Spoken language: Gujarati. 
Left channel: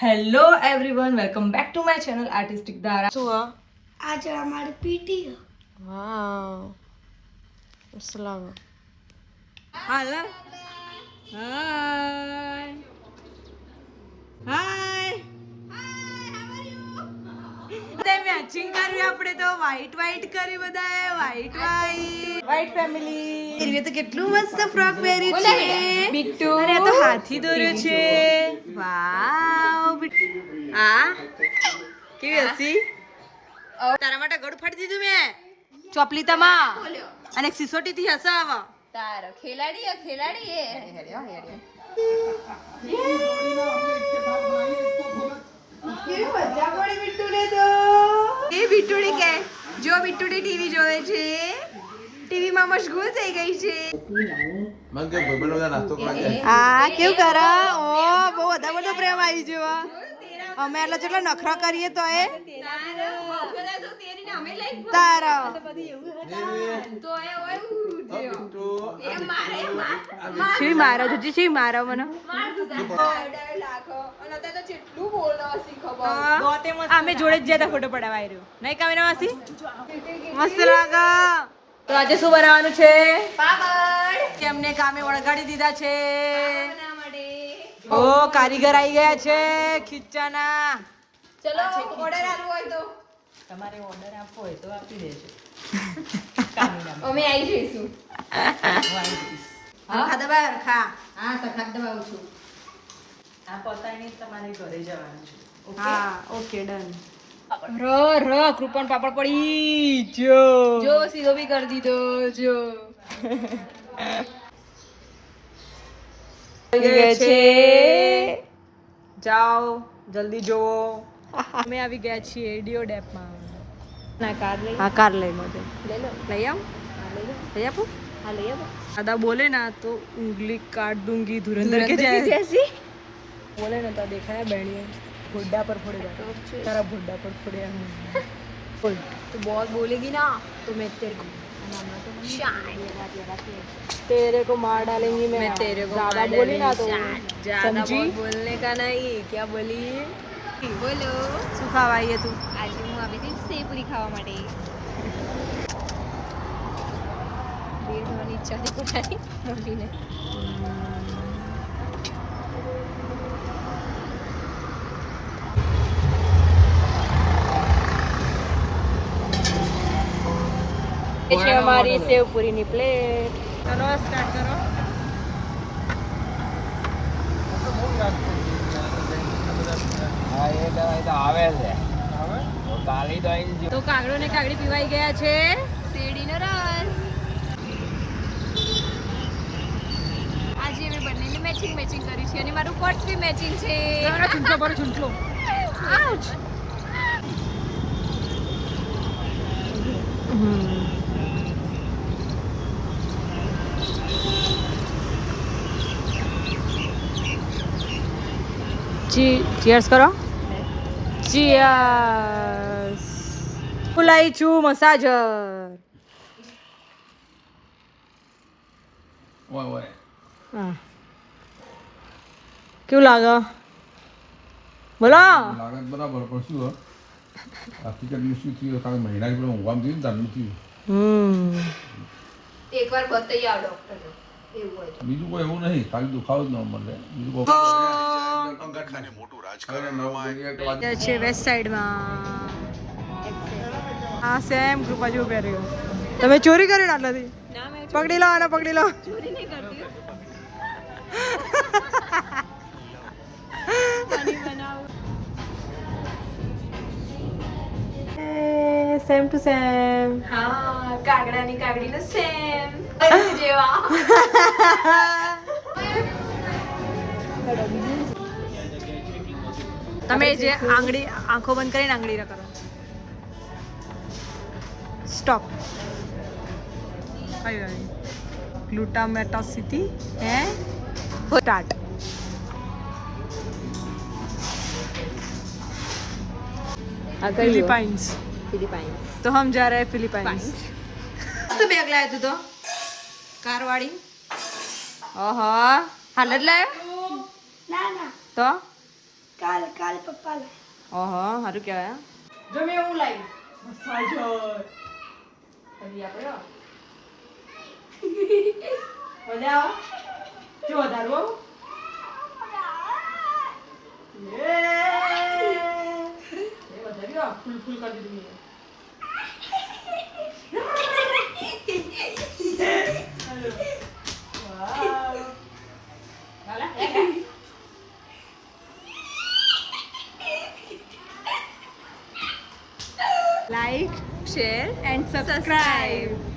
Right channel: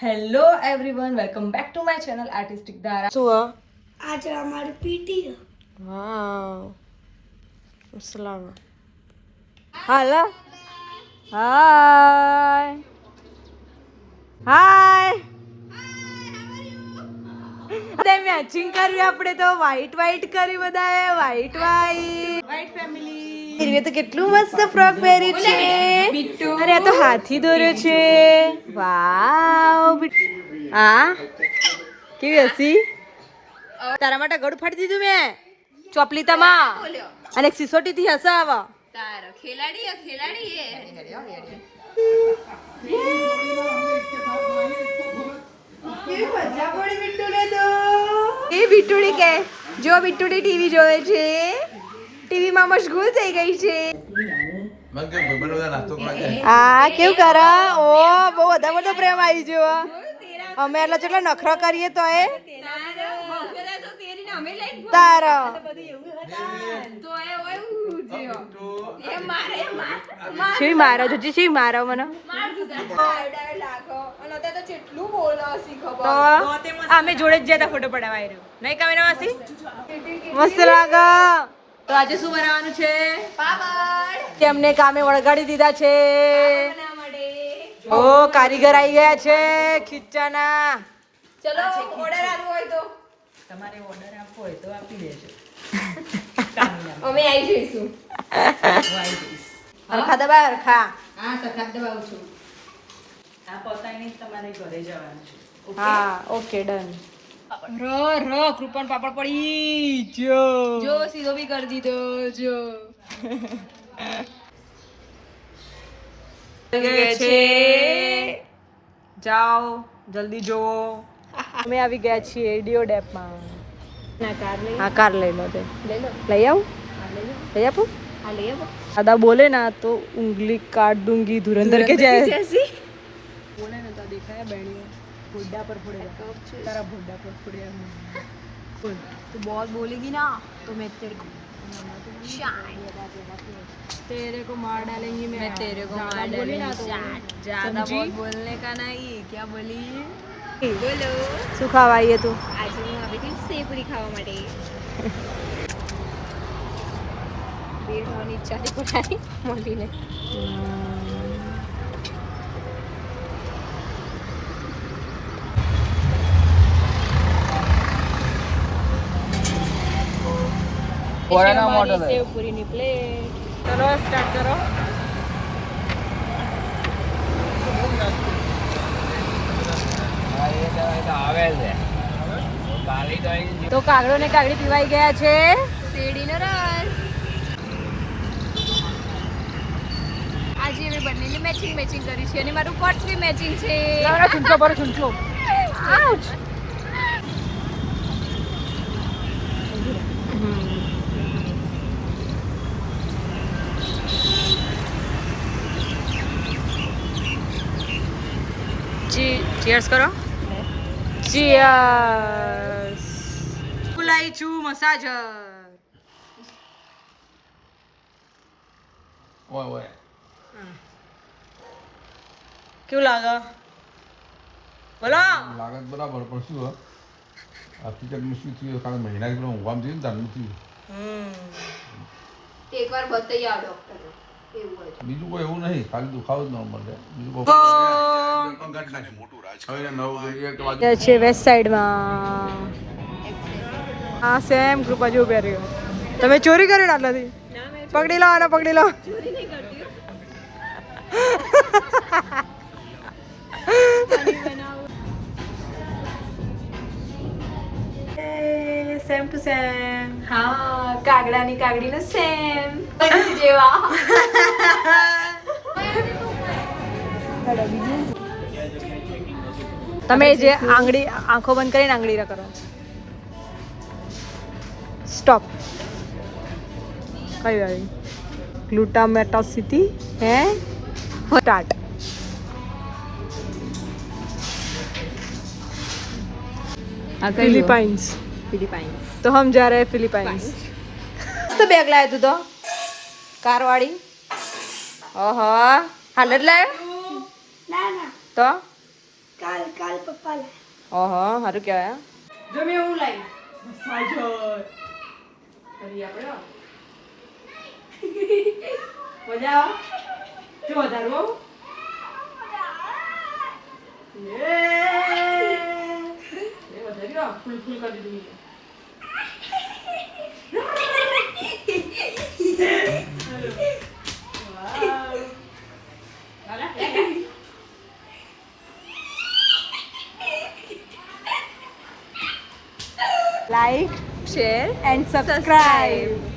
Hello everyone, welcome back to my channel artistic ધારા. શું આજે અમારી પીટી વાવ અસલામ હાલા હાય હાય તે મેચિંગ કર્યું આપણે તો વ્હાઈટ કરી બધાએ વ્હાઈટ ફેમિલી. હીરવે તો કેટલું મસ્ત ફ્રોક પહેર્યું છે. અરે આ તો હાથી દોર્યો છે. વાવ આ કેવી હસી. તારા માટે ગળું ફાડી દીધું મેં ચોપલીતામાં અને એક સિસોટી થી હસાવા તારો ખેલાડી એ બિટ્ટુડી કે જો બિટ્ટુડી ટીવી જોવે છે. ટીવી માં મશગુલ થઈ ગઈ છે. આ કેવું કરા ઓ બહુ બધો પ્રેમ આવી ગયો. અમે એટલે જેટલા નખરા કરીએ તો એ તારા શી મારો જુજી શી મારો મને તો અમે જોડે જ જતા ફોટો પડાવવા આવ્યો નહીં કામિના માસી મસ્ત લાગે. તો આજે શું બનાવવાનું છે? પાપડ. તેમને કામે વળગાડી દીધા છે. ઓ કારીગર આવી ગયા છે ખીચાના. ચલો ઓર્ડર આપવો હોય તો તમારે ઓર્ડર આપવો હોય તો આપી દેજો. અમે આવી જઈશું. હરખા દબા હરખા. હા સરખા દબાવું છું. આ પતાઈને તમારે ઘરે જવાનું છે. હા ઓકે ડન. ર કૃપણ પાપડ પડી જો સીધો બી કરી દીધો જો. જાઓ જલ્દી જોવો. અમે આવી ગયા છીએ ડીઓ ડેપમાં. હા કાર લઈ લો તે લઈ આવું લઈ આપું. દાદા બોલે ના તો ઉંગલી काट दूंगी धुरंधर के जैसे बोले ना तो देखा है बैठिए बुड्ढा पर फोड़ेगा तेरा बुड्ढा पर फोड़ेगा. बोल तू बहुत बोलेगी ना तो मैं तेरे को तेरे को मार डालेंगी मैं तेरे को ज्यादा बोली ना तो ज्यादा बहुत बोलने का नहीं. क्या बोली બોલો શું ખાવા આવીએ તું? આજે હું આવી હતી સેવપુરી ખાવા માટે. બેડની ચાની પુરાઈ મળીને અમારી સેવપુરીની પ્લેટ. ચલો સ્ટાર્ટ કરો. તો કાગડો ને કાગડી પીવાઈ ગયા છે શેરડીનો રસ. આજે અમે બંનેને મેચિંગ કર્યું છે અને મારું પર્સ બી મેચિંગ છે. ચૂંટલો પર ચૂંટલો. ચીયર્સ કરો. ચીયર્સ. ફુલાઈ છું મસાજર. કેવું લાગે બોલો? લાગે બરાબર પણ શું હકીકતમાં શું થયું ખાલી મહિના પેલા ઊંઘામ થયું ને તારું થયું. એકવાર બતાવી આવો ડોક્ટર. બીજું કોઈ એવું નહીં, ખાલી દુખાવો જ ન મળે. બીજું છે વેસ્ટ સાઈડમાં. હા સેમ કૃપા જેવું પહેર્યું. તમે ચોરી કરી ને આટલાથી પકડી લો અને પકડી લો. ચોરી નહીં કરતી. Same to same. હા કાગડાની કાગડીનો સેમ જેવા. તમે જે આંગળી આંખો બંધ કરીને આંગળી કરો. સ્ટોપ. કઈ આવી ગ્લુટામેટોસિટી હે સ્ટાર્ટ. फिलीपाइंस तो हम जा रहे हैं फिलीपाइंस. तो बैग लाया तू तो कार वाड़ी. ओहो हालत लाया ના ના तो કાલ મારા પપ્પા લાય. ઓહો સારું કહેવાય હા. જો મેં એવું લાવી મસાજર કરી આપણે મજા આવે જો વધારે બહુ વધારે ફૂલ ફૂલ કરી દીધું મેં. Like, share and subscribe.